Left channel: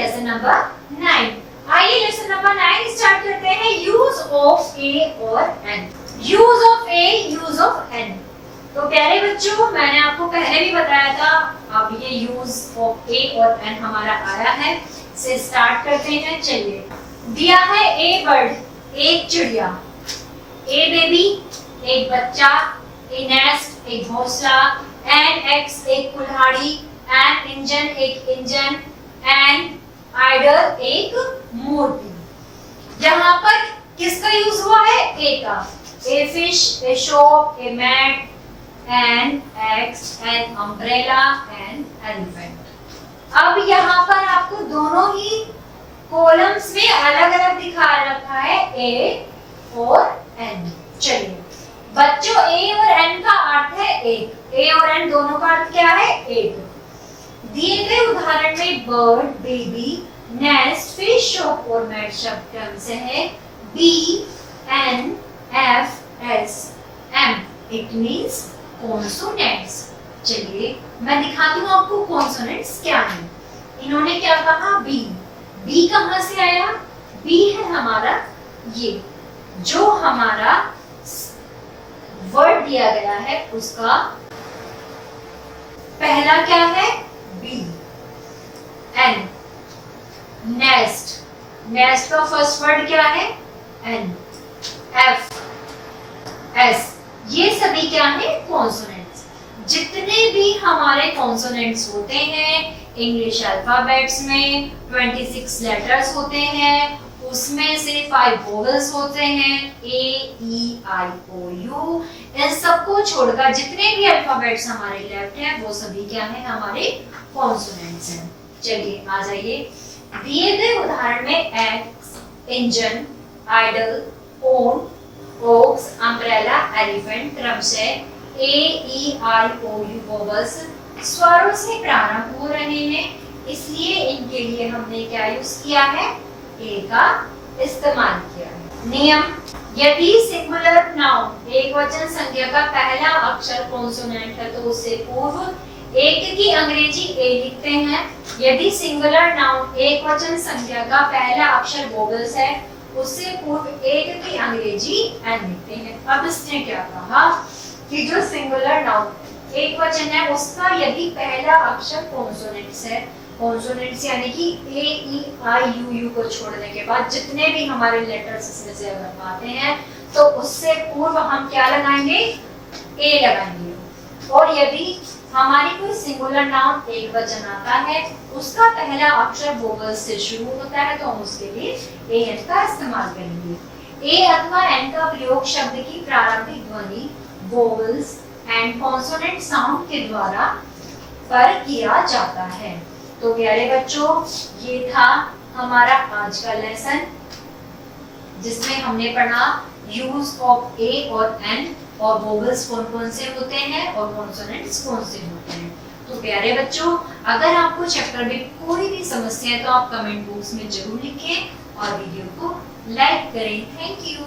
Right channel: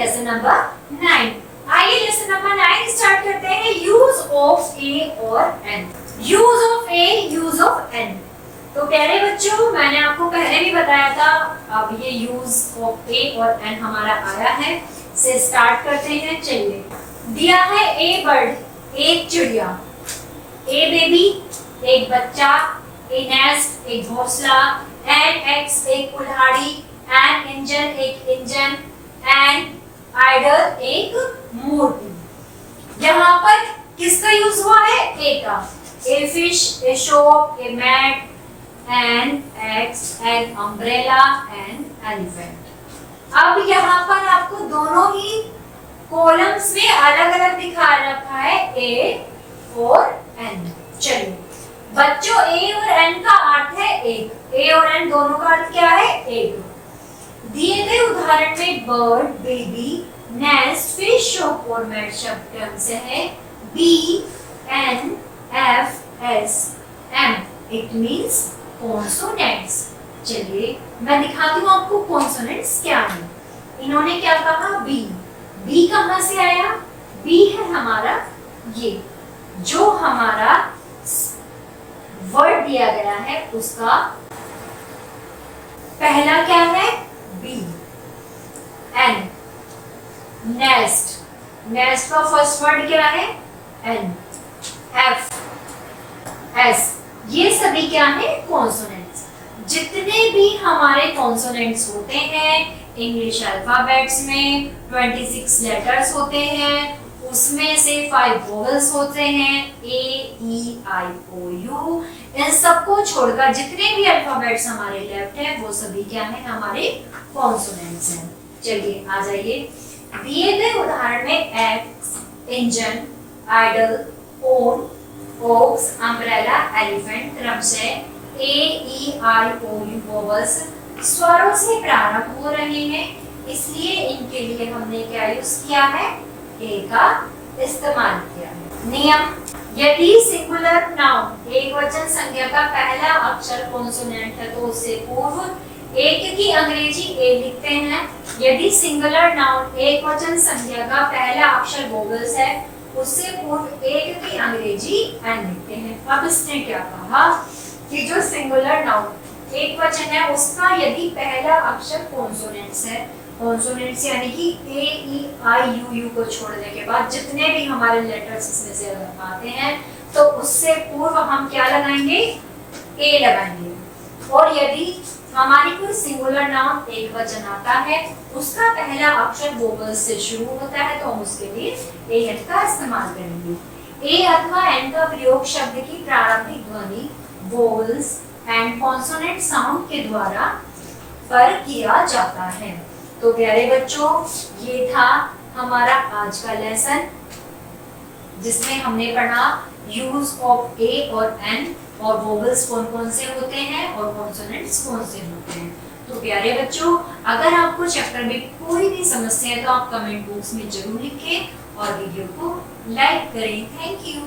Lesson number 9। आइए lesson number 9 start करते हैं। यूज ऑफ ए और an. Use of a, use of an. तो प्यारे बच्चों, मैंने आपको पहले भी बताया था, अब ये यूज ऑफ ए और एन हमारा आया है, से स्टार्ट करते हैं। चलिए, दिया है ए बर्ड, एक चिड़िया, ए बेबी एक बच्चा, ए नेस्ट एक घोंसला, एन एग्स एक कुल्हाड़ी, एन इंजन एक इंजन, एन आइडल एक मूर्ति। यहाँ पर किसका यूज हुआ है? ए का। A fish, a shop, a mat, an ox, an umbrella, an elephant. अब यहाँ पर आपको दोनों ही कॉलम्स में अलग अलग दिखा रखा है, ए और एन। चलिए बच्चों, ए और एन का अर्थ है एक। ए और एन दोनों का अर्थ क्या है? एक। दिए गए उदाहरण में bird, baby, nest, fish, shop और मैट शब्द क्रम से है B N F S M. It means consonants. चलिए मैं दिखाती हूँ आपको कॉन्सोनेंट्स क्या है। इन्होंने क्या कहा? बी। बी कहां से आया? बी है हमारा ये जो हमारा वर्ड दिया गया है उसका पहला क्या है? बी। एन, नेस्ट, नेस्ट का फर्स्ट वर्ड क्या है? एन। एफ, एस, ये सभी क्या है? कॉन्सोनेंट्स। जितने भी हमारे कॉन्सोनेंट्स होते हैं इंग्लिश अल्फाबेट्स में 26 लेटर्स होते हैं, उसमें से 5 वोवेल्स होते हैं, ए ई आई ओ यू। इन सबको छोड़कर जितने भी अल्फाबेट्स हमारे लेफ्ट हैं वो सभी क्या हैं? हमारे कॉन्सोनेंट्स हैं। चलिए आ जाइए। दिए गए उदाहरण में ox, engine, idol, own, oaks, umbrella, elephant क्रमशः A E I O you vowels स्वरों से प्रारंभ हो रहे हैं, इसलिए इनके लिए हमने क्या यूज किया है? ए का इस्तेमाल किया है। नियम: यदि सिंगुलर नाउन एक वचन संज्ञा का पहला अक्षर कॉन्सोनेंट है तो उससे पूर्व एक की अंग्रेजी ए लिखते हैं। यदि सिंगुलर नाउन एक वचन संज्ञा का पहला अक्षर वोवेल्स है उससे पूर्व एक की अंग्रेजी एन लिखते हैं। अब इसने क्या कहा कि जो सिंगुलर नाउन एक वचन है उसका यदि पहला अक्षर कॉन्सोनेंट्स है, कॉन्सोनेंट्स यानी कि ए ई आई यू यू को छोड़ने के बाद जितने भी हमारे लेटर्स इसमें से अगर आते हैं तो उससे पूर्व हम क्या लगाएंगे? ए लगाएंगे। और यदि हमारी कोई सिंगुलर नाउन एक वचन आता है उसका पहला अक्षर वोवेल्स से शुरू होता है तो हम उसके लिए ए एन का इस्तेमाल करेंगे। ए अथवा एन का प्रयोग शब्द की प्रारंभिक ध्वनि, वोवेल्स एंड कॉन्सोनेंट साउंड के द्वारा पर किया जाता है। तो प्यारे बच्चों, ये था हमारा आज का लेसन जिसमें हमने पढ़ा यूज ऑफ ए और एन और वोवेल्स कौन कौन से होते हैं और कॉन्सोनेंट्स कौन से होते हैं। तो प्यारे बच्चों, अगर आपको चैप्टर में कोई भी समस्या है तो आप कमेंट बॉक्स में जरूर लिखें और वीडियो को लाइक करें। Thank you.